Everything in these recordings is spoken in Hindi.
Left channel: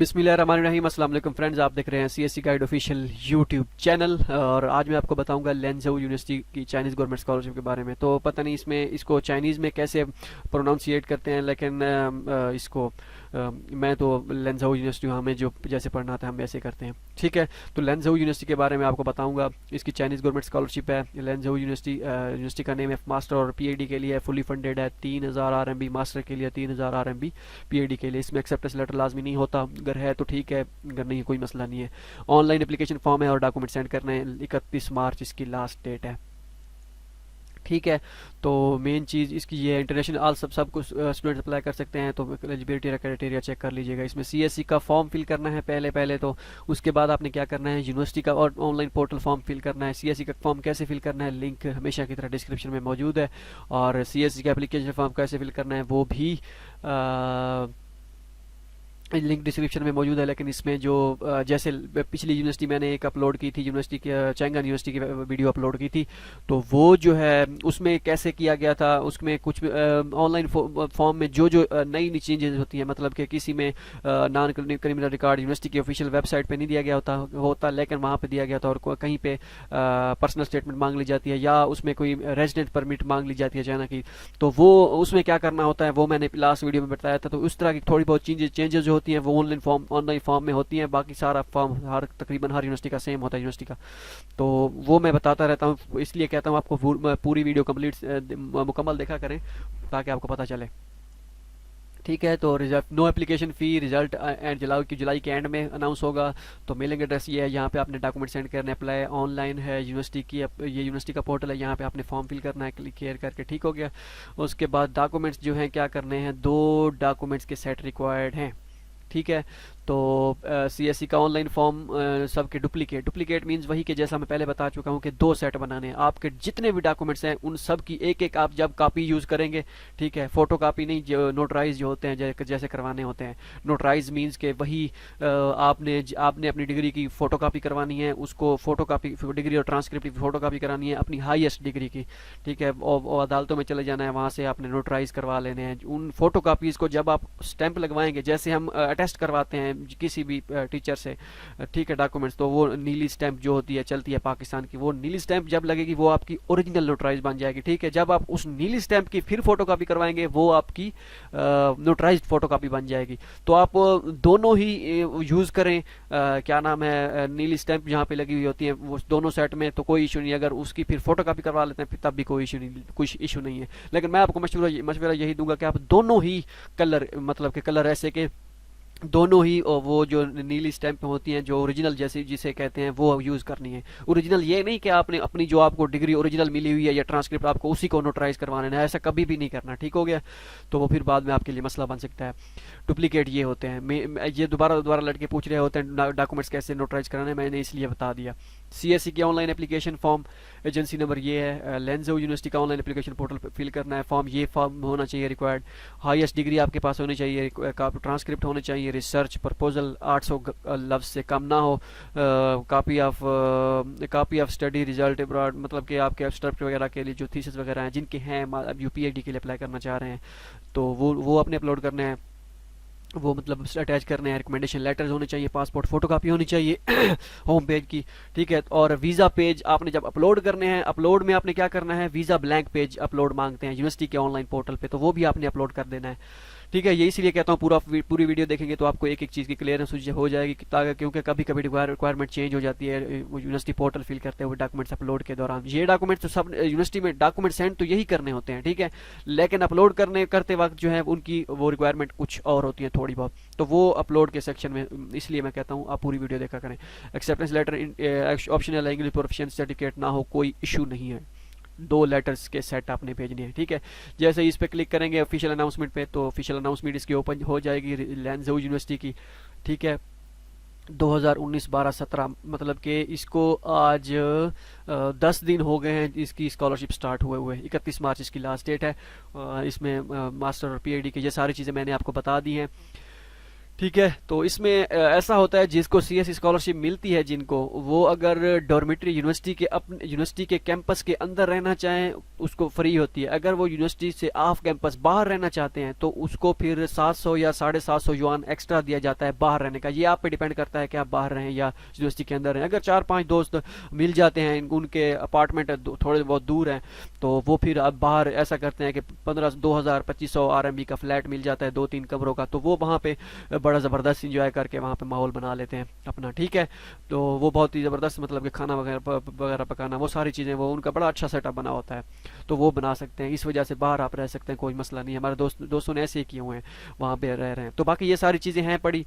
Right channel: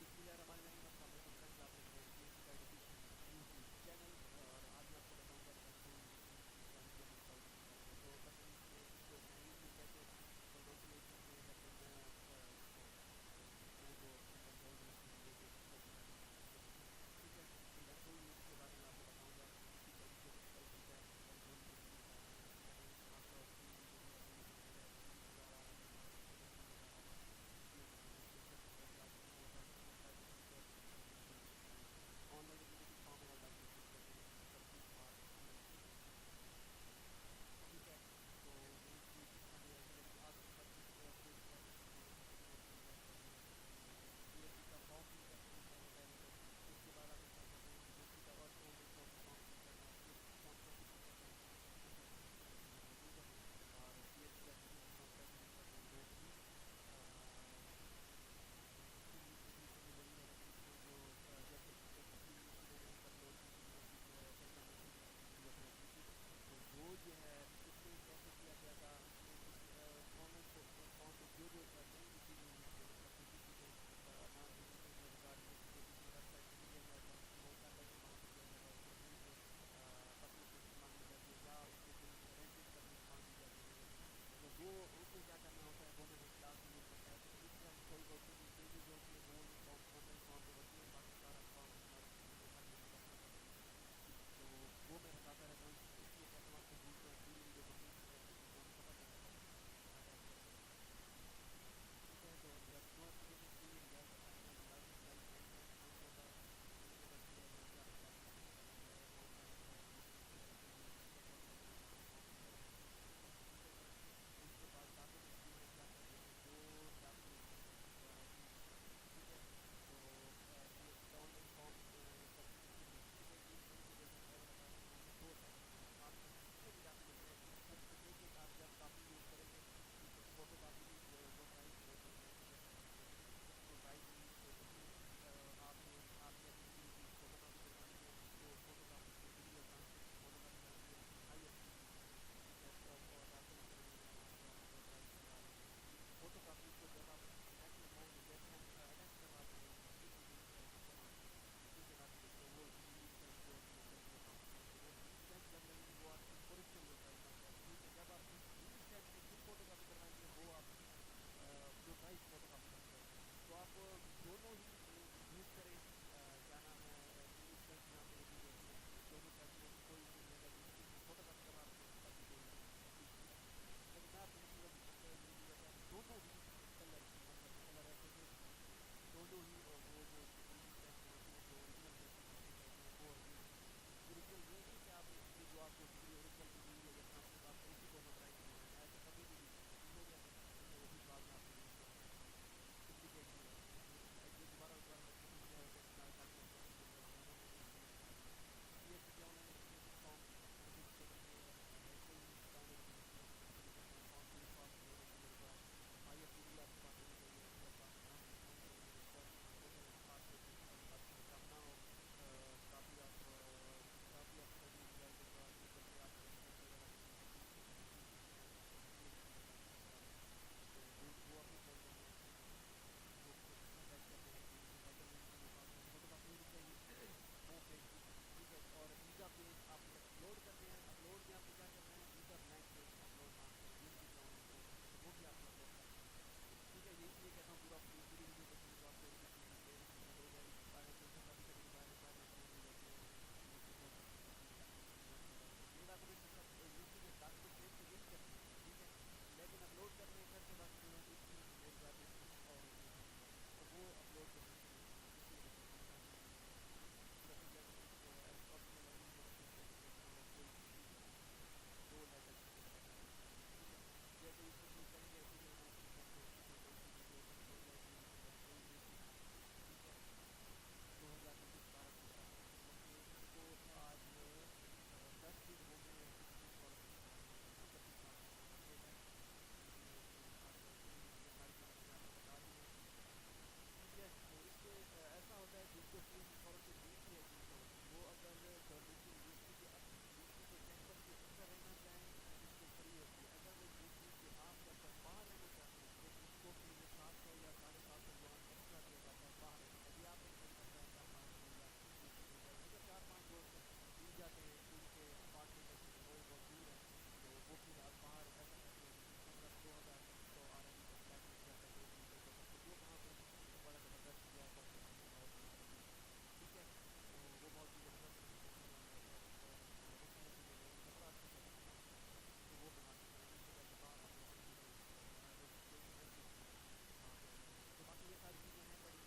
बिस्मिल्लाहिर्रहमानिर्रहीम। अस्सलाम वालेकुम फ्रेंड्स, आप देख रहे हैं CSC guide official YouTube channel. और आज मैं आपको बताऊंगा लैंझोउ यूनिवर्सिटी की चाइनीज़ गवर्नमेंट स्कॉलरशिप के बारे में। तो पता नहीं इसमें इसको चाइनीज़ में कैसे प्रोनाउंसिएट करते हैं, लेकिन इसको मैं तो लैंझोउ यूनिवर्सिटी हमें जो जैसे पढ़ना था हम वैसे करते हैं। ठीक है, तो लैंझोउ यूनिवर्सिटी के बारे में आपको बताऊंगा। इसकी चाइनीज़ गवर्नमेंट स्कॉलरशिप है। लैंझोउ यूनिवर्सिटी का नेम है मास्टर और पीएचडी के लिए फुली फंडेड है। 3000 आरएमबी मास्टर के लिए, 3000 आरएमबी पीएचडी के लिए। इसमें एक्सेप्टेंस लेटर लाजमी नहीं होता, अगर है तो ठीक है, अगर नहीं कोई मसला नहीं है। ऑनलाइन एप्लीकेशन फॉर्म है और डॉक्यूमेंट सेंड करने हैं। 31 मार्च इसकी लास्ट डेट है। ठीक है, तो मेन चीज़ इसकी ये है, इंटरनेशनल ऑल सब कुछ स्टूडेंट अप्लाई कर सकते हैं। तो एलिजिबिलिटी क्राइटेरिया चेक कर लीजिएगा। इसमें सीएससी का फॉर्म फिल करना है पहले तो उसके बाद आपने क्या करना है, यूनिवर्सिटी का और ऑनलाइन पोर्टल फॉर्म फिल करना है। सीएससी का फॉर्म कैसे फिल करना है, लिंक हमेशा की तरह डिस्क्रिप्शन में मौजूद है। और सीएससी का एप्लीकेशन फॉर्म कैसे फिल करना है वो भी लिंक डिस्क्रिप्शन में मौजूद है। लेकिन इसमें जो जैसे पिछली यूनिवर्सिटी मैंने एक अपलोड की थी, यूनिवर्सिटी की चैंगन यूनिवर्सिटी की वीडियो अपलोड की थी, तो वो जो है उसमें कैसे किया गया था, उसमें कुछ ऑनलाइन फॉर्म में जो जो नई नई चेंजेस होती हैं, मतलब कि किसी में नॉन क्रिमिनल रिकॉर्ड यूनिवर्सिटी की ऑफिशियल वेबसाइट पे नहीं दिया गया होता लेकिन वहाँ पे दिया गया था। और कहीं पे पर्सनल स्टेटमेंट मांग ली जाती है या उसमें कोई रेजिडेंट परमिट मांग ली जाती है चाइना की, तो वो उसमें क्या करना होता है वो मैंने लास्ट वीडियो में बताया था। तो उस तरह की थोड़ी बहुत चेंजेस जो होती हैं वो ऑनलाइन फॉर्म में होती हैं। बाकी सारा फॉर्म तकरीबन हर यूनिवर्सिटी का सेम होता है यूनिवर्सिटी का। तो वो मैं बताता रहता हूँ, इसलिए कहता हूँ आपको पूरी वीडियो कंप्लीट मुकम्मल देखा करें ताकि आपको पता चले। ठीक है, तो result no application fee, result end जुलाई के एंड में अनाउंस होगा। तो मेलिंग एड्रेस ये है, यहाँ पे आपने डॉक्यूमेंट सेंड करने, अप्लाई ऑनलाइन है यूनिवर्सिटी की, ये यूनिवर्सिटी का पोर्टल है, यहाँ पे आपने फॉर्म फिल करना है, क्लिक केयर करके। ठीक हो गया। उसके बाद डॉक्यूमेंट्स जो हैं क्या करने हैं, 2 डॉक्यूमेंट्स के सेट रिक्वायर्ड हैं। ठीक है, तो सीएससी का ऑनलाइन फॉर्म सबके डुप्लीकेट मींस वही कि जैसा मैं पहले बता चुका हूँ कि 2 सेट बनाने हैं। आपके जितने भी डॉक्यूमेंट्स हैं उन सब की एक आप जब कॉपी यूज़ करेंगे, ठीक है, फोटो कॉपी नहीं, जो नोटराइज जो होते हैं जैसे करवाने होते हैं। नोटराइज मींस के वही आपने अपनी डिग्री की फ़ोटो कापी करवानी है, उसको फ़ोटो कापी डिग्री और ट्रांसक्रिप्ट की फ़ोटो कापी करानी है अपनी हाईएस्ट डिग्री की। ठीक है, और अदालतों में चले जाना है, वहाँ से आपने नोटराइज करवा लेने हैं। उन फ़ोटो कापीज़ को जब आप स्टैंप लगवाएंगे, जैसे हम अटेस्ट करवाते हैं किसी भी टीचर से, ठीक है, डॉक्यूमेंट्स, तो वो नीली स्टैंप जो होती है चलती है पाकिस्तान की, वो नीली स्टैंप जब लगेगी वो आपकी ओरिजिनल नोटराइज बन जाएगी। ठीक है, जब आप उस नीली स्टैंप की फिर फोटोकॉपी करवाएंगे वो आपकी नोटराइज्ड फोटोकॉपी बन जाएगी। तो आप दोनों ही यूज़ करें। क्या नाम है, नीली स्टैंप जहाँ पे लगी हुई होती है वो दोनों सेट में, तो कोई इशू नहीं। अगर उसकी फिर फोटोकॉपी करवा लेते हैं तब भी कोई इशू नहीं है। लेकिन मैं आपको मशवरा यही दूंगा कि आप दोनों ही कलर, मतलब कि कलर ऐसे के दोनों ही वो जो नीली स्टैंप होती हैं जो ओरिजिनल जैसे जिसे कहते हैं वो यूज़ करनी है। ओरिजिनल ये नहीं कि आपने अपनी जो आपको डिग्री ओरिजिनल मिली हुई है या ट्रांसक्रिप्ट आपको उसी को नोटराइज करवाना है, ऐसा कभी भी नहीं करना। ठीक हो गया, तो वो फिर बाद में आपके लिए मसला बन सकता है। डुप्लीकेट ये होते हैं, ये दोबारा लड़के पूछ रहे होते हैं डॉक्यूमेंट्स कैसे नोटराइज कराने, मैंने इसलिए बता दिया। सीएससी की online application form, agency number ये है। लैंझोउ यूनिवर्सिटी का ऑनलाइन एप्लीकेशन पोर्टल फिल करना है फॉर्म, ये फॉर्म होना चाहिए रिक्वायर्ड। हाईएस्ट डिग्री आपके पास होनी चाहिए, ट्रांसक्रिप्ट होने चाहिए, रिसर्च प्रपोजल 800 लफ्ज से कम ना हो, copy of study result abroad, मतलब कि आपके एब्स्ट्रैक्ट वगैरह के लिए जो थीसिस वगैरह हैं जिनके हैं, अब यूपीएचडी के लिए अप्लाई करना चाह रहे हैं तो वो अपने अपलोड करने हैं, वो मतलब अटैच करने हैं। रिकमेंडेशन लेटर्स होने चाहिए, पासपोर्ट फोटोकॉपी होनी चाहिए होम पेज की। ठीक है, और वीज़ा पेज आपने जब अपलोड करने हैं, अपलोड में आपने क्या करना है, वीज़ा ब्लैंक पेज अपलोड मांगते हैं यूनिवर्सिटी के ऑनलाइन पोर्टल पे, तो वो भी आपने अपलोड कर देना है। ठीक है, ये इसीलिए कहता हूँ पूरी वीडियो देखेंगे तो आपको एक एक चीज़ की क्लियरेंस हो जाएगी, ताकि क्योंकि कभी कभी रिक्वायरमेंट चेंज हो जाती है यूनिवर्सिटी पोर्टल फिल करते हुए डॉक्यूमेंट्स अपलोड के दौरान। ये डॉक्यूमेंट्स तो सब यूनिवर्सिटी में डॉक्यूमेंट सेंड तो यही करने होते हैं, ठीक है, लेकिन अपलोड करते वक्त जो है उनकी वो रिक्वायरमेंट कुछ और होती है थोड़ी बहुत, तो वो अपलोड के सेक्शन में, इसलिए मैं कहता हूँ आप पूरी वीडियो देखा करें। एक्सेप्टेंस लेटर ऑप्शनल है, इंग्लिश प्रोफिशिएंसी सर्टिफिकेट ना हो, कोई इशू नहीं है। 2 लेटर्स के सेट आपने भेजने हैं। ठीक है, जैसे ही इस पर क्लिक करेंगे ऑफिशियल अनाउंसमेंट पे, तो ऑफिशियल अनाउंसमेंट इसकी ओपन हो जाएगी लैंझोउ यूनिवर्सिटी की। ठीक है, 2019-12-17, मतलब कि इसको आज 10 दिन हो गए हैं इसकी स्कॉलरशिप स्टार्ट हुए 31 मार्च इसकी लास्ट डेट है। इसमें मास्टर और पीएचडी की ये सारी चीज़ें मैंने आपको बता दी हैं। ठीक है। तो इसमें ऐसा होता है जिसको सीएससी स्कॉलरशिप मिलती है जिनको, वो अगर डॉर्मेट्री यूनिवर्सिटी के अपने यूनिवर्सिटी के कैंपस के अंदर रहना चाहें उसको फ्री होती है। अगर वो यूनिवर्सिटी से ऑफ कैंपस बाहर रहना चाहते हैं तो उसको फिर 700 या 750 युआन एक्स्ट्रा दिया जाता है बाहर रहने का। ये आप पे डिपेंड करता है कि आप बाहर रहें या यूनिवर्सिटी के अंदर रहें। अगर 4-5 दोस्त मिल जाते हैं, उनके अपार्टमेंट थोड़े बहुत दूर हैं, तो वो फिर अब बाहर ऐसा करते हैं कि 1500-2000-2500 आरएमबी का फ्लैट मिल जाता है 2-3 कमरों का, तो वो वहाँ पे बड़ा ज़बरदस्त इंजॉय करके वहाँ पे माहौल बना लेते हैं अपना। ठीक है। तो वो बहुत ही ज़बरदस्त, मतलब कि खाना वगैरह पकाना, वो सारी चीज़ें, वो उनका बड़ा अच्छा सेटअप बना होता है, तो वो बना सकते हैं। इस वजह से बाहर आप रह सकते हैं, कोई मसला नहीं है। हमारे दोस्तों ने ऐसे ही किए हुए हैं, वहाँ पे रह रहे हैं। तो बाकी ये सारी चीज़ें हैं पड़ी।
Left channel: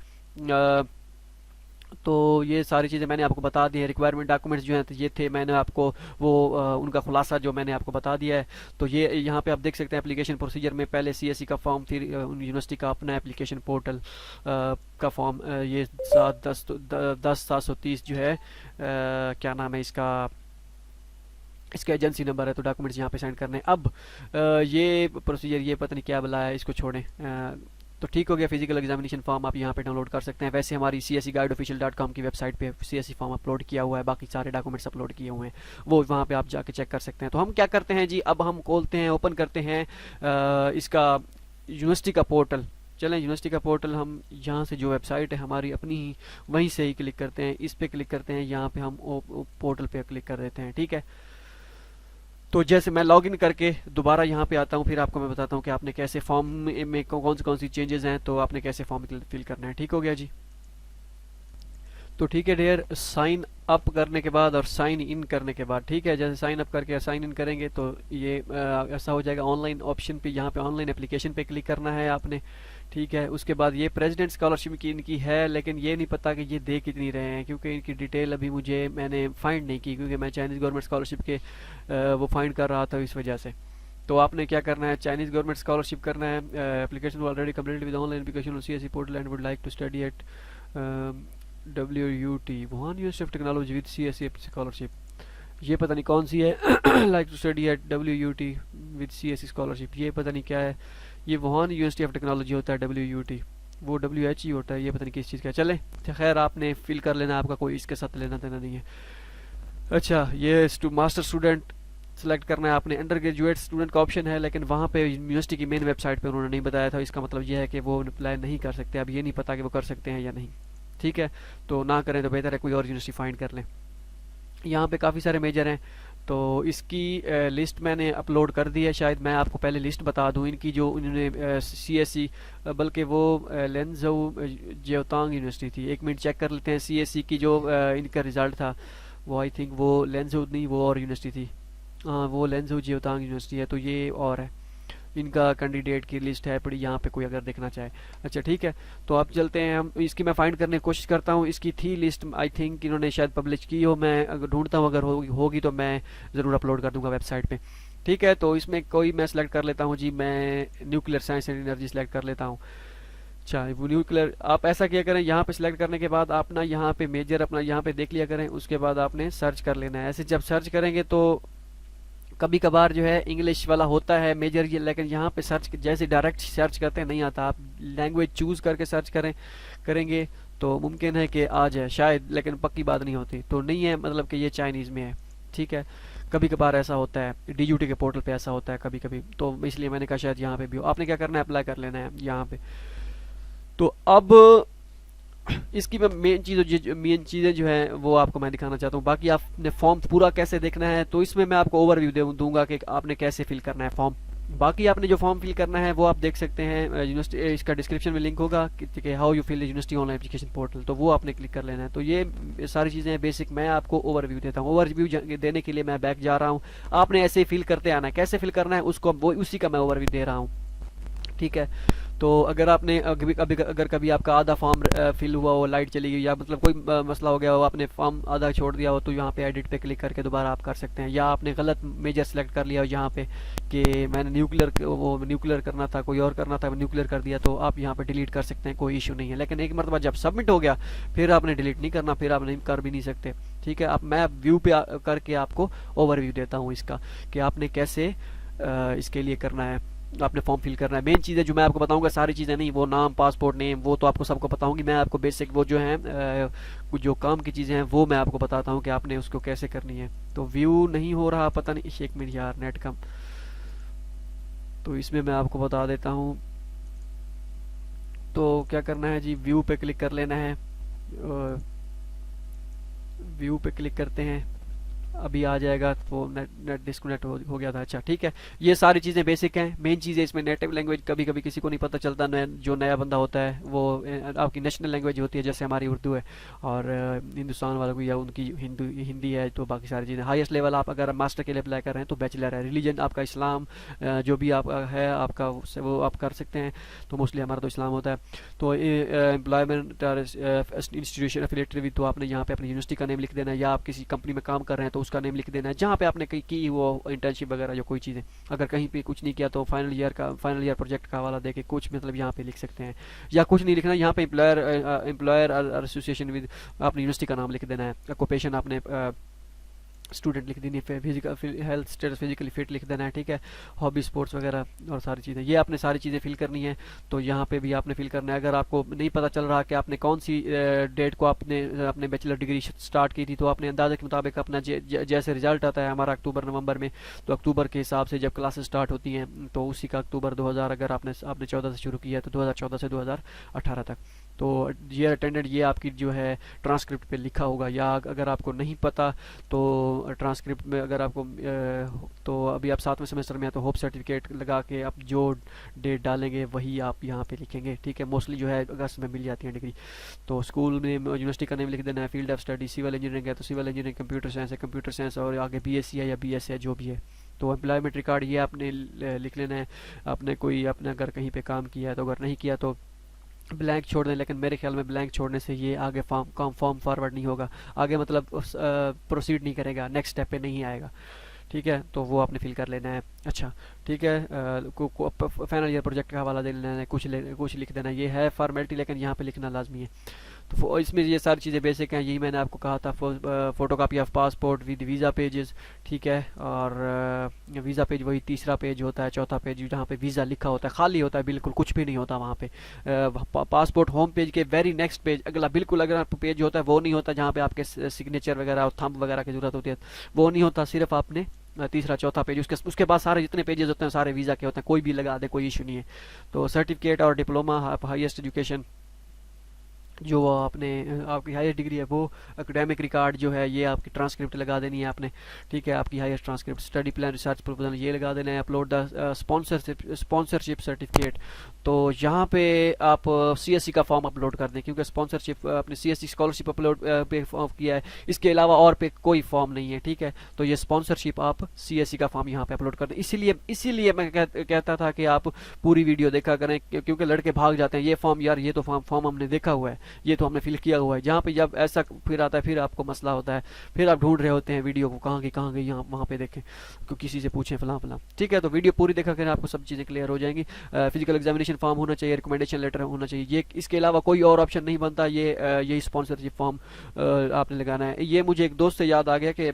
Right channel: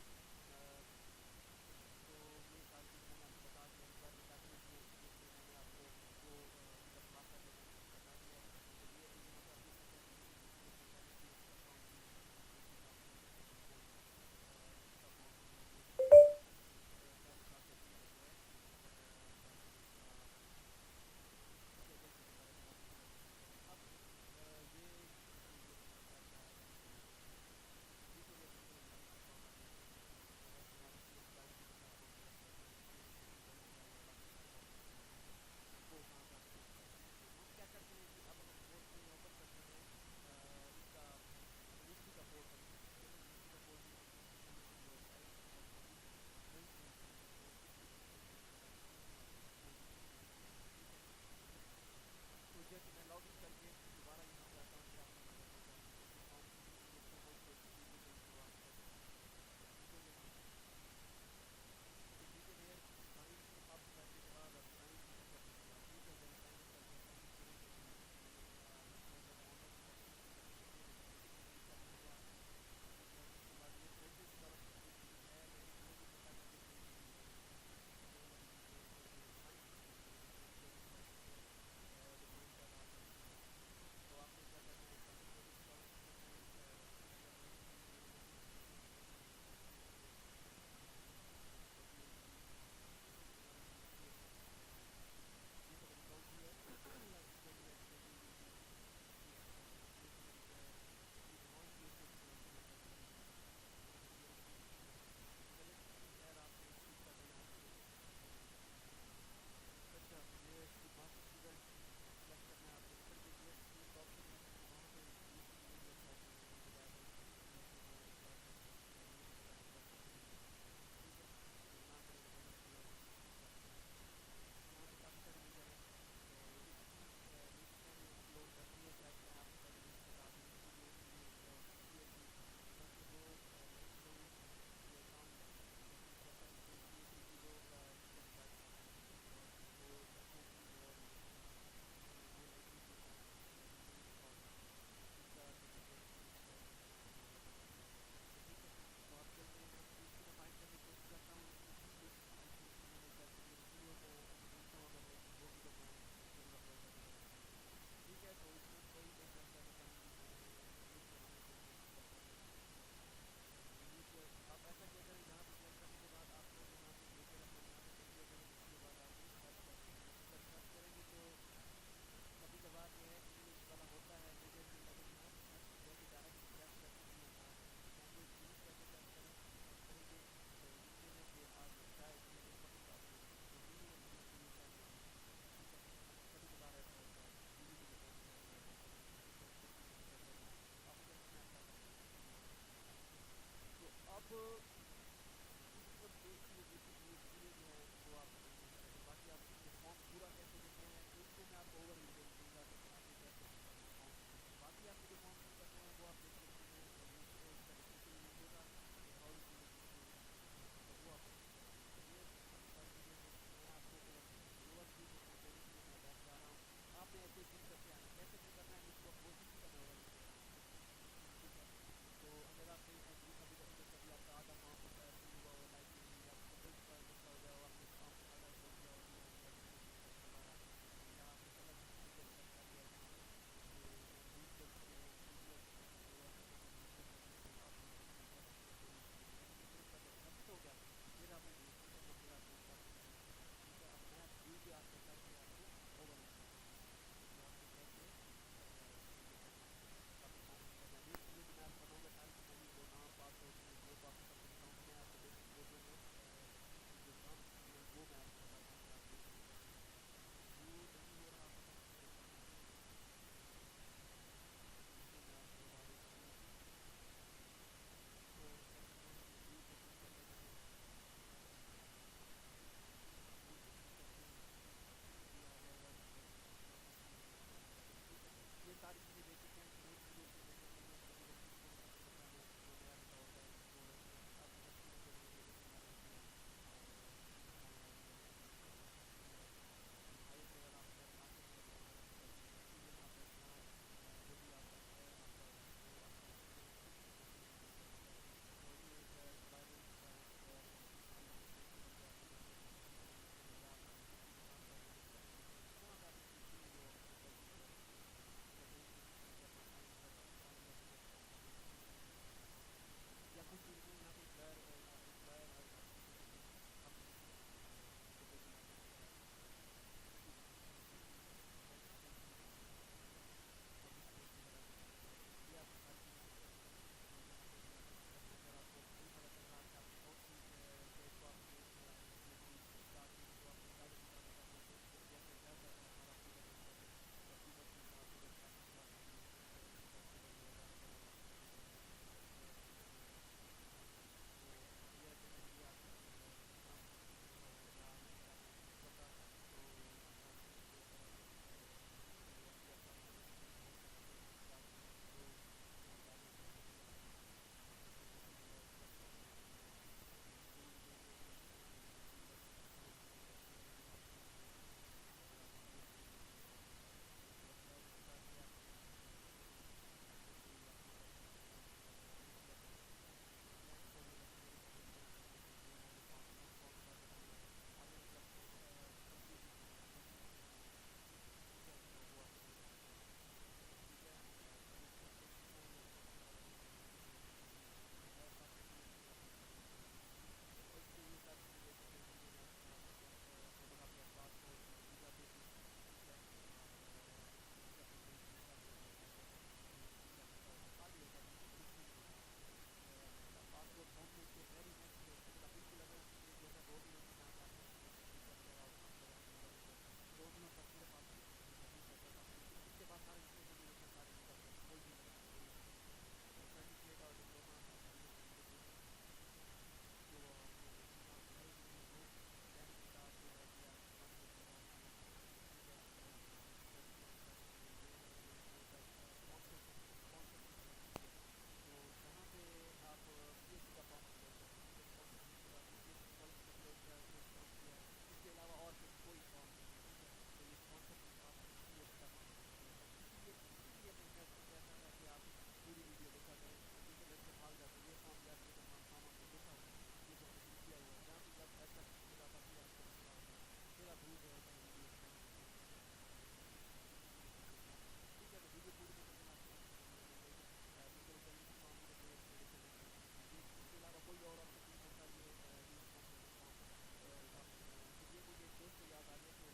तो ये सारी चीज़ें मैंने आपको बता दी है। रिक्वायरमेंट डॉक्यूमेंट्स जो हैं तो ये थे, मैंने आपको वो उनका खुलासा जो मैंने आपको बता दिया है। तो ये यहाँ पे आप देख सकते हैं एप्लीकेशन प्रोसीजर में पहले सीएससी का फॉर्म, फिर यूनिवर्सिटी का अपना एप्लीकेशन पोर्टल का फॉर्म, ये 730 जो है क्या नाम है इसका, इसका एजेंसी नंबर है। तो डॉक्यूमेंट्स यहाँ पे सेंड करने हैं। अब ये प्रोसीजर, ये पता नहीं क्या बुलाया है, इसको छोड़ें। तो ठीक हो गया। फिजिकल एग्जामिनेशन फॉर्म आप यहाँ पे डाउनलोड कर सकते हैं। वैसे हमारी cscguideofficial.com की वेबसाइट पे सीएससी फॉर्म अपलोड किया हुआ है, बाकी सारे डॉक्यूमेंट्स अपलोड किए हुए हैं, वो वहाँ पे आप जाके चेक कर सकते हैं। तो हम क्या करते हैं जी, अब हम खोलते हैं, ओपन करते हैं इसका यूनिवर्सिटी का पोर्टल। चलें, यूनिवर्सिटी का पोर्टल हम यहाँ से जो वेबसाइट है हमारी अपनी ही, वहीं से ही क्लिक करते हैं, इस पर क्लिक करते हैं, यहाँ पे हम पोर्टल पे क्लिक कर देते हैं। ठीक है। तो जैसे मैं लॉगिन करके दोबारा यहाँ पे आता हूँ, फिर आपको मैं बताता हूँ कि आपने कैसे फॉर्म में कौन सी चेंजेस हैं, तो आपने कैसे फॉर्म फिल करना है। ठीक हो गया जी। तो ठीक है डियर, साइन अप करने के बाद और साइन इन करने के बाद, ठीक है, जैसे साइन अप करके साइन इन करेंगे तो ये ऐसा हो जाएगा। ऑनलाइन ऑप्शन पे, यहाँ पे ऑनलाइन एप्लीकेशन पे क्लिक करना है आपने। ठीक है। उसके बाद ये प्रेसिडेंट स्कॉलरशिप की इनकी है, लेकिन ये नहीं पता कि ये दे कितनी रहे हैं, क्योंकि इनकी डिटेल अभी मैंने फाइंड नहीं की, क्योंकि मैं चाइनीज़ गवर्नमेंट स्कॉलरशिप के वो फाइंड कर रहा था इस वजह से। तो आपने क्या करना है, चाइनीज़ गवर्नमेंट स्कॉलरशिप करना है। Application already completed with online application CSC portal and would like to study at WUT Wuhan university of technology with CSE scholarship. ये पता नहीं कौन सी है। Like to study at WUT with CSE scholarship, ये पता नहीं क्या है। ये वुहान यूनिवर्सिटी ऑफ टेक्नोलॉजी होता है WUT, वो WHE होता है, ये पता नहीं किस चीज़ का। चले खैर, आपने फिल कर लेना, आपका कोई इसके साथ लेना देना नहीं है। अच्छा, ये मास्टर स्टूडेंट सेलेक्ट करना है आपने। अंडर ग्रेजुएट स्टूडेंट का ऑप्शन है, लेकिन वहाँ पे यूनिवर्सिटी की मेन वेबसाइट पे उन्होंने नहीं बताया था। इसका मतलब ये है कि वो अप्लाई नहीं कर सकते। अब ये नहीं पता कि वो कर सकते हैं या नहीं। ठीक है। तो ना करें तो बेहतर है, कोई और यूनिवर्सिटी फाइंड कर लें। यहाँ पे काफ़ी सारे मेजर हैं, तो इसकी लिस्ट मैंने अपलोड कर दी है। शायद मैं आपको पहले लिस्ट बता दूँ इनकी, जो उन्होंने CSE, बल्कि वो लेंजो जियोतांग यूनिवर्सिटी थी। एक मिनट चेक कर लेते हैं। CSE की जो इनका रिज़ल्ट था, वो आई थिंक वो लेंजो नहीं, वो और यूनिवर्सिटी थी। हाँ, वो लेंजो जियोतांग यूनिवर्सिटी है, तो ये और है। इनका कैंडिडेट की लिस्ट है पड़ी यहाँ पे, कोई अगर देखना चाहे। अच्छा ठीक है। तो आप चलते हैं, हम इसकी मैं फाइंड करने की कोशिश करता हूँ। इसकी थी लिस्ट, आई थिंक इन्होंने शायद पब्लिश की हो, मैं अगर ढूंढता हूँ, अगर होगी तो मैं ज़रूर अपलोड कर दूँगा वेबसाइट पे। ठीक है। तो इसमें कोई मैं सेलेक्ट कर लेता हूँ जी, मैं nuclear science and energy select कर लेता हूँ। अच्छा, वो न्यूक्लियर, आप ऐसा किया करें, यहाँ पे सिलेक्ट करने के बाद आप ना यहाँ पे मेजर अपना यहाँ पे देख लिया करें, उसके बाद आपने सर्च कर लेना है। ऐसे जब सर्च करेंगे तो कभी कभार जो है इंग्लिश वाला होता है मेजर ये, लेकिन यहाँ पे सर्च जैसे डायरेक्ट सर्च करते हैं नहीं आता। आप लैंग्वेज चूज़ करके सर्च करेंगे तो मुमकिन है कि आ जाए शायद, लेकिन पक्की बात नहीं होती। तो नहीं है मतलब कि ये चाइनीज़ में है। ठीक है। कभी कभार ऐसा होता है, DUT के पोर्टल पे ऐसा होता है कभी कभी, तो इसलिए मैंने कहा शायद यहाँ पे भी हो। आपने क्या करना है, अप्लाई कर लेना है यहाँ पे। तो अब इसकी मैं मेन चीज़ें जो हैं वो आपको मैं दिखाना चाहता हूँ। बाकी आपने फॉर्म पूरा कैसे देखना है, तो इसमें मैं आपको ओवरव्यू दूंगा कि आपने कैसे फिल करना है फॉर्म। बाकी आपने जो फॉर्म फिल करना है वो आप देख सकते हैं यूनिवर्सिटी, इसका डिस्क्रिप्शन में लिंक होगा कि how you fill university online application portal, तो वो आपने क्लिक कर लेना है। तो ये सारी चीज़ें बेसिक मैं आपको ओवरव्यू देता हूँ। ओवरव्यू देने के लिए मैं बैक जा रहा हूँ, आपने ऐसे ही फिल करते आना है। कैसे फिल करना है उसको वो उसी का मैं ओवरव्यू दे रहा हूँ। ठीक है। तो अगर आपने अगर कभी आपका आधा फॉर्म फिल हुआ हो, लाइट चली गई या मतलब कोई मसला हो गया हो, आपने फॉर्म आधा छोड़ दिया हो, तो यहाँ पे एडिट पे क्लिक करके दोबारा आप कर सकते हैं। या आपने गलत मेजर सेलेक्ट कर लिया हो यहाँ पे कि मैंने न्यूक्लियर करना था, कोई और करना था, न्यूक्लियर कर दिया, तो आप यहाँ पे डिलीट कर सकते हैं, कोई इशू नहीं है। लेकिन एक मरतबा जब सबमिट हो गया फिर आपने डिलीट नहीं करना, फिर आप नहीं कर भी नहीं सकते। ठीक है। अब मैं व्यू पे करके आपको ओवरव्यू देता हूँ इसका कि आपने कैसे इसके लिए करना है। आपने फॉर्म फिल करना है। मेन चीज़ें जो मैं आपको बताऊंगा, सारी चीज़ें नहीं, वो नाम, पासपोर्ट नेम, वो तो आपको सबको बताऊंगी। मैं आपको बेसिक वो जो है कुछ जो काम की चीज़ें हैं वो मैं आपको बताता हूँ कि आपने उसको कैसे करनी है। तो व्यू नहीं हो रहा, पता नहीं, एक मिनट यार, नेट कम। तो इसमें मैं आपको बता देता हूँ। तो क्या करना है जी, व्यू पे क्लिक कर लेना है। व्यू पे क्लिक करते हैं, अभी आ जाएगा। वो नेट नेट डिस्कनेक्ट हो गया था। अच्छा ठीक है, ये सारी चीज़ें बेसिक हैं। मेन चीज़ है इसमें नेटिव लैंग्वेज, कभी कभी किसी को नहीं पता चलता, जो नया बंदा होता है वो आपकी नेशनल लैंग्वेज होती है, जैसे हमारी उर्दू है, और हिंदुस्तान वालों की या उनकी हिंदी है, तो बाकी सारी चीज़ें। हाईएस्ट लेवल आप अगर मास्टर के लिए अप्लाई कर रहे हैं तो बैचलर है। रिलीजन आपका इस्लाम, जो भी आप है आपका, वो आप कर सकते हैं। तो मोस्टली हमारा तो इस्लाम होता है। तो एम्प्लॉयमेंट इंस्टीट्यूशन एफिलेटेड विद, तो आपने यहाँ पे अपनी यूनिवर्सिटी का नेम लिख देना है, या आप किसी कंपनी में काम कर रहे हैं तो उसका नेम लिख देना है, जहाँ पे आपने की वो इंटर्नशिप वगैरह जो कोई चीज़ें। अगर कहीं पे कुछ नहीं किया तो फाइनल ईयर प्रोजेक्ट का हवाला देके कुछ मतलब यहाँ पे लिख सकते हैं, या कुछ नहीं लिखना, यहाँ पे एम्प्लॉयर एसोसिएशन विद, अपनी यूनिवर्सिटी का नाम लिख देना है। ऑक्यूपेशन आपने स्टूडेंट लिख देनी है, physical health status physically fit लिख देना है, ठीक है। हॉबी, स्पोर्ट्स वगैरह और सारी चीज़ें, ये आपने सारी चीज़ें फिल करनी है। तो यहाँ पे भी आपने फिल करना है। अगर आपको नहीं पता चल रहा कि आपने कौन सी डेट को आपने अपने बैचलर डिग्री स्टार्ट की थी, तो आपने अंदाजे के मुताबिक अपना जैसे रिजल्ट आता है हमारा अक्टूबर नवंबर में, तो अक्टूबर के हिसाब से जब क्लासेस स्टार्ट होती हैं तो उसी का अक्टूबर 2000, अगर आपने 14 से शुरू किया है तो 2014 से 2018 तक। तो ये अटेंडेंट, ये आपकी जो है ट्रांसक्रिप्ट पे लिखा होगा। या अगर आपको नहीं पता तो ट्रांसक्रिप्ट में अगर आपको तो अभी आप 7वें सेमेस्टर में हैं तो होप सर्टिफिकेट लगा के आप जो डेट डालेंगे वही आप यहाँ पे लिखेंगे, ठीक है। मोस्टली जो है अगस्त में मिल जाती है डिग्री। तो स्कूल में यूनिवर्सिटी का नेम लिख देना है। Field of study civil engineering है तो सिविल इंजीनियरिंग, कंप्यूटर साइंस है कंप्यूटर साइंस, और आगे बीएससी है या बीएस है, जो भी है। तो एम्प्लॉयमेंट रिकॉर्ड ये आपने लिख लेना है। आपने कोई अपने अगर कहीं पे काम किया है तो, अगर नहीं किया तो ब्लैंक छोड़ दें, लेकिन मेरे ख्याल में ब्लैंक छोड़ने से ये आगे फॉर्म फॉरवर्ड नहीं होगा, आगे मतलब प्रोसीड नहीं करेगा, नेक्स्ट स्टेप पे नहीं आएगा, ठीक है। तो वो आपने फिल कर लेना है। अच्छा ठीक है, फाइनल ईयर प्रोजेक्ट का हवाला दे लेना है, कुछ लिख देना है। ये है फॉर्मेलिटी, लेकिन यहाँ पे लिखना लाजमी है। तो इसमें ये सारी चीज़ें बेसिक हैं, यही मैंने आपको कहा था। Photo copy of passport with visa pages, ठीक है। और वीज़ा पेज वही तीसरा पेज होता है, चौथा पेज जहाँ पे वीज़ा लिखा होता है, खाली होता है, बिल्कुल कुछ भी नहीं होता वहाँ पे। पासपोर्ट होम पेज के वेरी नेक्स्ट पेज, अगला बिल्कुल अगला पेज होता है, वो नहीं होता जहाँ पे आपके सिग्नेचर वगैरह और थंब वगैरह की ज़रूरत होती है, वो नहीं होता। सिर्फ आपने तीसरा चौथा पेज, उसके बाद सारे जितने पेजेस होते हैं सारे वीज़ा के होते हैं, कोई भी लगा दे, कोई इशू नहीं है। तो सर्टिफिकेट और डिप्लोमा, हाईएस्ट एजुकेशन जो आपने आपकी हाईएस्ट डिग्री है वो, एकेडमिक रिकॉर्ड जो है ये आपकी ट्रांसक्रिप्ट लगा देनी है आपने, ठीक है। आपकी highest transcript, study plan, research proposal ये लगा देना है। अपलोड द स्पॉन्सरशिप सर्टिफिकेट, तो यहाँ पे आप सीएससी का फॉर्म अपलोड कर दें, क्योंकि स्पॉन्सरशिप अपने सीएससी स्कॉलरशिप अपलोड पे फॉर्म किया है, इसके अलावा और पे कोई फॉर्म नहीं है, ठीक है। तो ये स्पॉन्सरशिप आप सीएससी का फॉर्म यहाँ पे अपलोड कर दें। इसीलिए मैं कहता था कि आप पूरी वीडियो देखा करें, क्योंकि लड़के भाग जाते हैं, ये फॉर्म यार, ये तो फॉर्म हमने देखा हुआ है, ये तो हमने फिल किया हुआ है। जहाँ पे जब ऐसा फिर आता है फिर आपको मसला होता है, फिर आप ढूंढ रहे होते हैं वीडियो को, कहाँ गई यहाँ वहाँ पे देखें, किसी से पूछें फलां फलां, ठीक है। तो वीडियो पूरी देखा करें, आपको सब चीज़ें क्लियर हो जाएंगी। फिजिकल एग्जामिनेशन फॉर्म होना चाहिए, रिकमेंडेशन लेटर होना चाहिए, ये इसके अलावा कोई और ऑप्शन नहीं बनता। यही स्पॉन्सरशिप फॉर्म आपने लगाना है। ये मुझे एक दोस्त से याद आ गया कि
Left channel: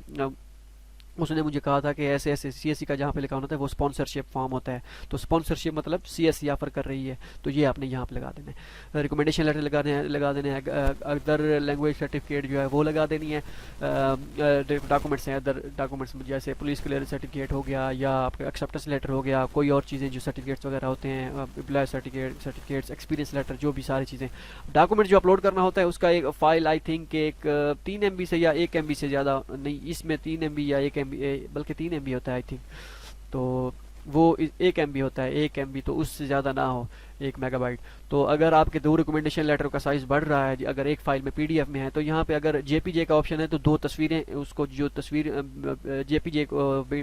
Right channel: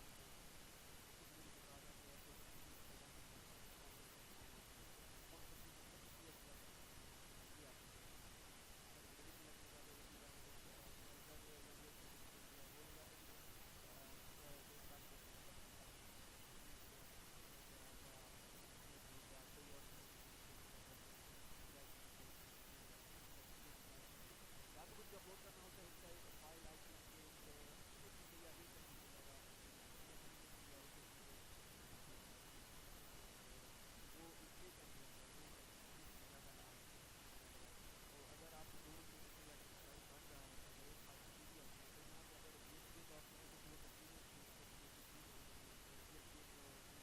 उसने मुझे कहा था कि ऐसे ऐसे सीएससी का जहाँ पे लिखा होता है वो स्पॉन्सरशिप फॉर्म होता है, तो स्पॉन्सरशिप मतलब सीएससी ऑफर कर रही है, तो ये आपने यहाँ पे लगा देना है। रिकमेंडेशन लेटर लगा देने हैं। अदर लैंग्वेज सर्टिफिकेट जो है वो लगा देनी है। डॉक्यूमेंट्स हैं, अदर डॉक्यूमेंट्स जैसे पुलिस क्लियरेंस सर्टिफिकेट हो गया, या आपका एक्सेप्टेंस लेटर हो गया, कोई और चीज़ें जो सर्टिफिकेट्स वगैरह होते हैं, एम्प्लॉय सर्टिफिकेट्स, एक्सपीरियंस लेटर, जो भी सारी चीज़ें, डॉक्यूमेंट जो अपलोड करना होता है उसका एक फ़ाइल आई थिंक एक 3 MB से या 1 MB से ज़्यादा नहीं, इसमें 3 MB या 1 MB, बल्कि 3 MB होता है आई थिंक। तो वो 1 MB होता है, 1 MB तो उससे ज़्यादा ना हो, 1 मेगाबाइट। तो अगर आपके 2 रिकमेंडेशन लेटर का साइज़ बढ़ रहा है, अगर एक फ़ाइल में PDF में है, तो यहाँ पे अगर JPG का ऑप्शन है तो 2 तस्वीरें, उसको जो तस्वीर JPG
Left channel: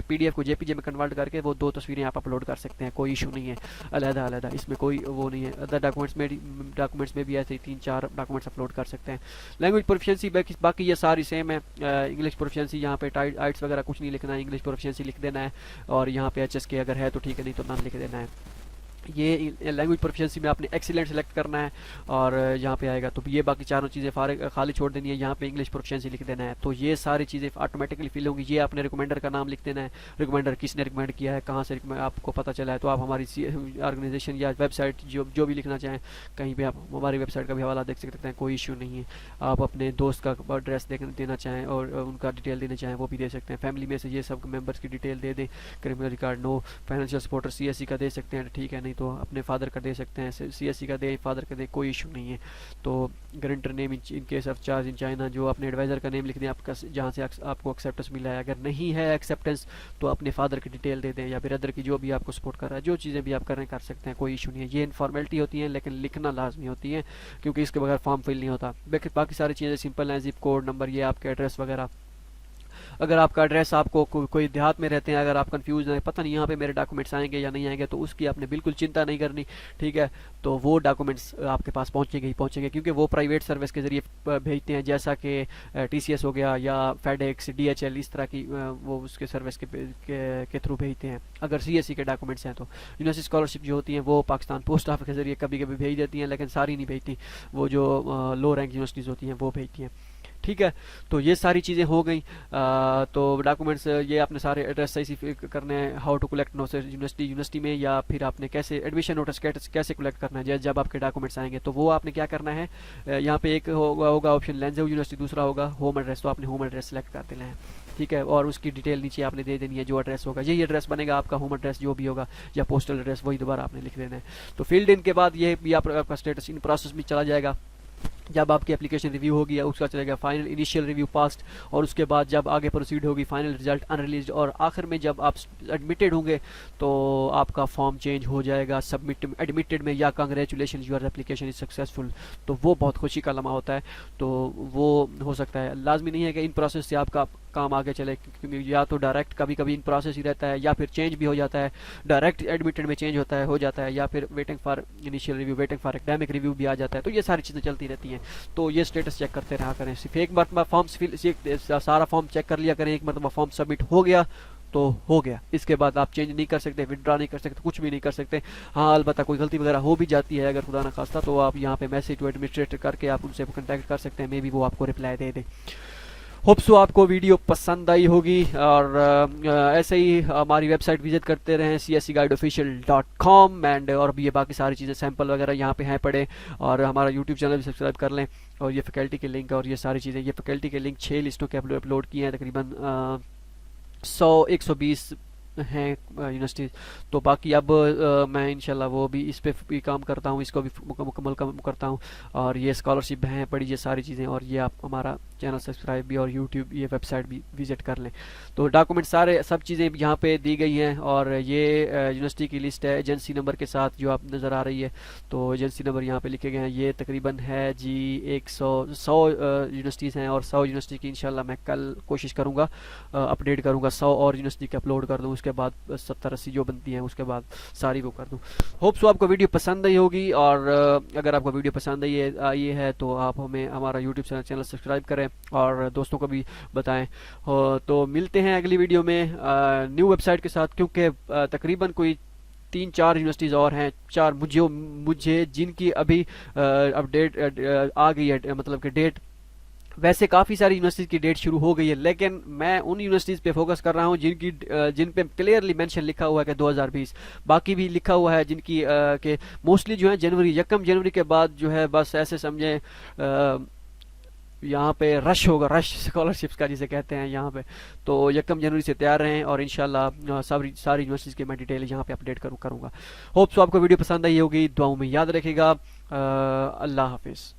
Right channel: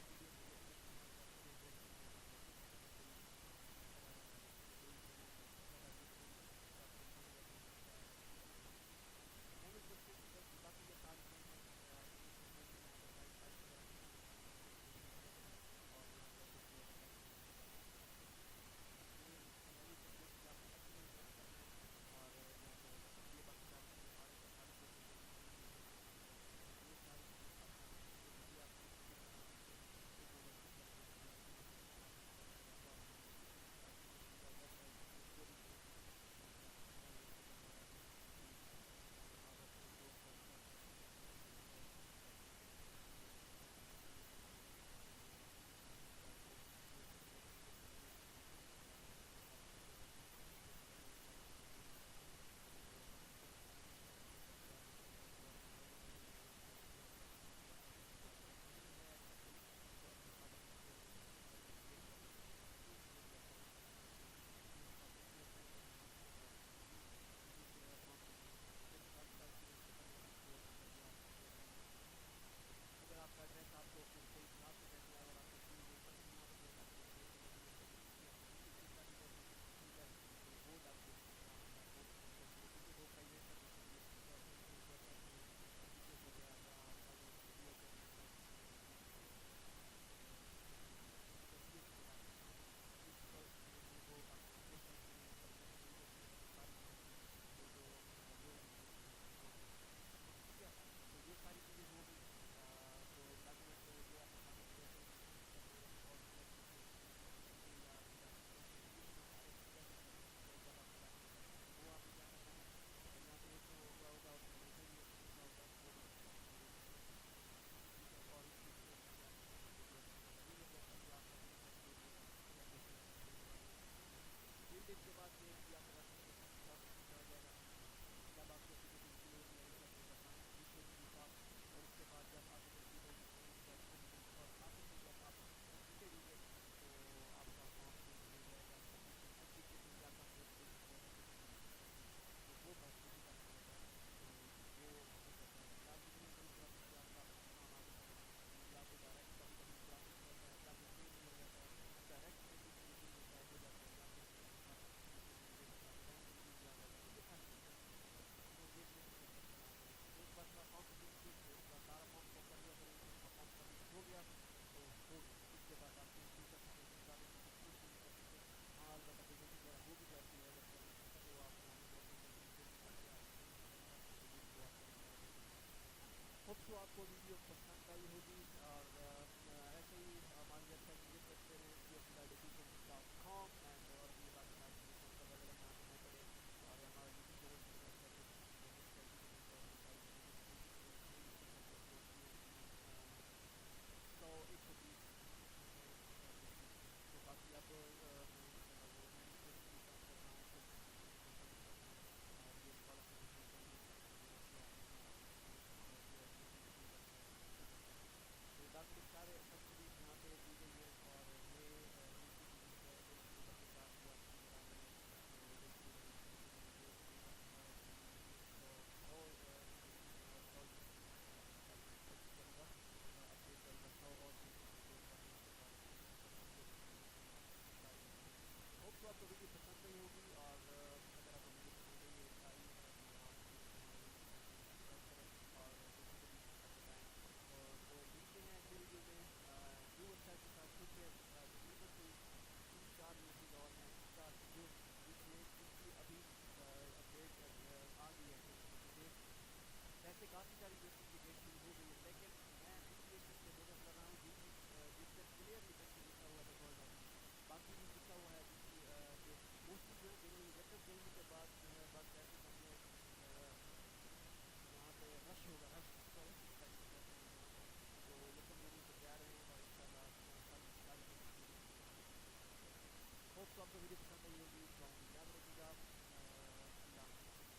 PDF को JPG में कन्वर्ट करके वो 2 तस्वीरें आप अपलोड कर सकते हैं, कोई इशू नहीं है, अलग-अलग, इसमें कोई वो नहीं है। अदर डॉक्यूमेंट्स में भी ऐसे ही 3-4 डॉक्यूमेंट्स अपलोड कर सकते हैं। लैंग्वेज प्रोफिशिएंसी बाकी ये सारी सेम है। इंग्लिश प्रोफिशिएंसी यहाँ पे आइट्स वगैरह कुछ नहीं लिखना है, इंग्लिश प्रोफिशिएंसी लिख देना है, और यहाँ पे HSK अगर है तो ठीक है, नहीं तो नॉन लिख देना है। ये लैंग्वेज प्रोफिशिएंसी में आपने एक्सीलेंट सेलेक्ट करना है और यहाँ पे आएगा तो ये बाकी चारों चीज़ें खाली छोड़ देनी है, यहाँ पे इंग्लिश प्रोफिशिएंसी लिख देना है। तो ये सारी चीज़ें ऑटोमेटिकली फिल होंगी। ये आपने रिकमेंडर का नाम लिख देना है, रिकमेंडर किसने रिकमेंड किया है, कहाँ से आपको पता चला है। तो आप हमारी ऑर्गेनाइजेशन या वेबसाइट जो भी लिखना चाहें कहीं पर आप हमारी वेबसाइट का भी हवाला देख सकते हैं, कोई इशू नहीं है। आप अपने दोस्त का एड्रेस देना चाहें और उनका डिटेल देना चाहें वो भी दे सकते हैं। फैमिली में से ये सब मेम्बर्स की डिटेल दे दें, criminal record no, financial supporter CSE का दे सकते हैं, ठीक है, नहीं तो अपने फादर का दे सकते हैं, CSE का दे, फादर का दे, कोई इशू नहीं है। तो guarantor name in case of charge in China, जो अपने एडवाइज़र का नेम लिख दें आपका जहाँ से आपको एक्सेप्टेंस मिला है। अगर नहीं है एक्सेप्टेंस तो अपने फादर की डिटेल दे दें या ब्रदर की, जो भी आपको सपोर्ट कर रहा है। जो चीज़ें भी आप कर रहे हैं कर सकते हैं, कोई इशू नहीं है। ये इनफॉर्मेलिटी होती है लेकिन लिखना लाजमी होती है क्योंकि इसके बगैर फॉर्म फिल नहीं होता। बाकी सारी चीज़ें सिंपल हैं, जिप कोड नंबर, ये आपके एड्रेस वगैरह। अगर आपका एड्रेस आपको कोई देहात में रहते हैं, अगर आप कंफ्यूज हैं, पता नहीं यहाँ पे मेरे डॉक्यूमेंट्स आएंगे या नहीं आएंगे, तो उसकी आपने बिल्कुल चिंता नहीं करनी, ठीक है। तो वो डॉक्यूमेंट्स आपके पास पहुँचेंगे ही पहुँचेंगे, क्योंकि वो प्राइवेट सर्विस के ज़रिए भेजते हैं, जैसा कि TCS हो गया या FedEx, DHL, इस तरह की वो उसके सर्विस के थ्रू भेजते हैं। अगर CSE के डॉक्यूमेंट्स हैं तो यूनिवर्सिटी स्कॉलरशिप जो होती हैं वो पाकिस्तान पोस्ट ऑफिस के ज़रिए कभी कभी भेज देती हैं, लेकिन सारी नहीं भेजती, वो जो लो रैंक यूनिवर्सिटीज़ होती हैं वो भेजती हैं, ठीक है। तो ये सारी चीज़ें हो गई। तो डॉक्यूमेंट्स ये आपने सारे एड्रेस सही से करने हैं, how to collect notice university में, या फिर आपने कैसे एडमिशन नोटिस कैसे कलेक्ट करना है जब आपके डॉक्यूमेंट्स आएंगे। तो वो आपने क्या करना है, यहाँ पे एक होगा ऑप्शन लैंग्वेज यूनिवर्सिटी, दूसरा होगा होम एड्रेस। तो आपने होम एड्रेस सेलेक्ट कर देना है, ठीक है, और उसकी डिटेल नीचे आपने दे देनी है, जो एड्रेस होगा यही एड्रेस बनेगा आपका, होम एड्रेस जो भी होगा या पोस्टल एड्रेस वही दोबारा आपने लिख देना है। तो फील्ड इन के बाद ये भी आपका स्टेटस इन प्रोसेस में चला जाएगा। जब आपकी एप्लीकेशन रिव्यू होगी उसका चलेगा फाइनल इनिशियल रिव्यू पास्ट, और उसके बाद जब आगे प्रोसीड होगी फाइनल रिजल्ट अनरिलीज्ड, और आखिर में जब आप एडमिटेड होंगे तो आपका फॉर्म चेंज हो जाएगा एडमिटेड में, या congratulation your application is successful. तो वो बहुत खुशी का लम्हा होता है। तो वो हो सकता है, लाजमी नहीं है कि इन प्रोसेस से आपका काम आगे चले, क्योंकि या तो डायरेक्ट कभी कभी इन प्रोसेस ही रहता है, या फिर चेंज भी हो जाता है, डायरेक्ट एडमिटेड में चेंज हो जाता है, या फिर waiting for initial review, waiting for academic review भी आ जाता है। तो ये सारी चीज़ें चलती रहती हैं। तो ये स्टेटस चेक करते रहा करें, सिर्फ एक मरतबा फॉर्म सारा फॉर्म चेक कर लिया करें, एक मरतबा फॉर्म सबमिट हो गया तो हो गया। इसके बाद आप चेंज नहीं कर सकते, विड्रॉ नहीं कर सकते, कुछ भी नहीं कर सकते। हाँ, अलबत्ता कोई गलती वगैरह हो भी जाती है अगर खुदा ना खास्ता, तो आप यहाँ पे मैसेज टू एडमिनिस्ट्रेटर करके आप उनसे कॉन्टैक्ट कर सकते हैं, मे बी वो आपको रिप्लाई दे दें। होप सो आपको वीडियो पसंद आई होगी, और ऐसे ही हमारी वेबसाइट विजिट करते रहें cscguideofficial.com, एंड और भी ये बाकी सारी चीज़ें सैंपल वगैरह यहाँ पे हैं पड़े, और हमारा यूट्यूब चैनल भी सब्सक्राइब कर लें। और ये फैकल्टी के लिंक और ये सारी चीज़ें, ये फैकल्टी के लिंक 6 लिस्टों के अपलोड किए हैं, तकरीबन 100-120 हैं यूनिवर्सिटीज़। तो बाकी अब मैं इंशाल्लाह वो भी इस पे भी काम करता हूँ, इसको भी मुकम्मल काम करता हूँ, और ये स्कॉलरशिप हैं पड़ी, ये सारी चीज़ें, और ये आप हमारा चैनल सब्सक्राइब भी और यूट्यूब ये वेबसाइट भी विजिट कर लें। तो डॉक्यूमेंट सारे सब चीज़ें यहाँ पे दी गई हैं, और ये यूनिवर्सिटी की लिस्ट है एजेंसी नंबर के साथ जो आप नज़र आ रही है। तो एजेंसी नंबर यहाँ पे लिखे गए हैं, ये तकरीबन है जी 100 यूनिवर्सिटीज़ हैं, और 100 यूनिवर्सिटी की इंशाल्लाह मैं कल कोशिश करूँगा अपडेट करूँगा, 100 और यूनिवर्सिटी के अपलोड कर दूँ, उसके बाद 70-80 जो बनती हैं उसके बाद सारी वो कर दूँ। होप सो आपको वीडियो पसंद आई होगी, और अगर आपको वीडियो पसंद आई है तो आप हमें हमारा यूट्यूब चैनल सब्सक्राइब करें और दोस्तों को भी बताएं। तो मिलते हैं अगली वीडियो में न्यू वेबसाइट के साथ, क्योंकि तकरीबन कोई 3-4 यूनिवर्सिटीज़ और हैं, 4 मुझे जिनकी अभी अपडेट आ गई है, मतलब कि डेट। वैसे काफ़ी सारी यूनिवर्सिटीज़ की डेट शुरू हो गई है, लेकिन मैं उन यूनिवर्सिटीज़ पे फोकस कर रहा हूँ जिन पे क्लियरली मेंशन लिखा हुआ है कि 2020। बाकी भी लिखा हुआ है जिनकी के मोस्टली जो है जनवरी 1 जनवरी के बाद जो है, बस ऐसे समझें यहाँ पे रश होगा, रश स्कॉलरशिप्स का जिसे कहते हैं यहाँ पे। तो 1 जनवरी से तैयार रहें, और इंशाल्लाह सारी यूनिवर्सिटीज़ की मैं डिटेल यहाँ पे अपडेट करूँगा। होप सो आपको वीडियो पसंद आई होगी, दुआओं में याद रखिएगा। अल्लाह हाफिज़।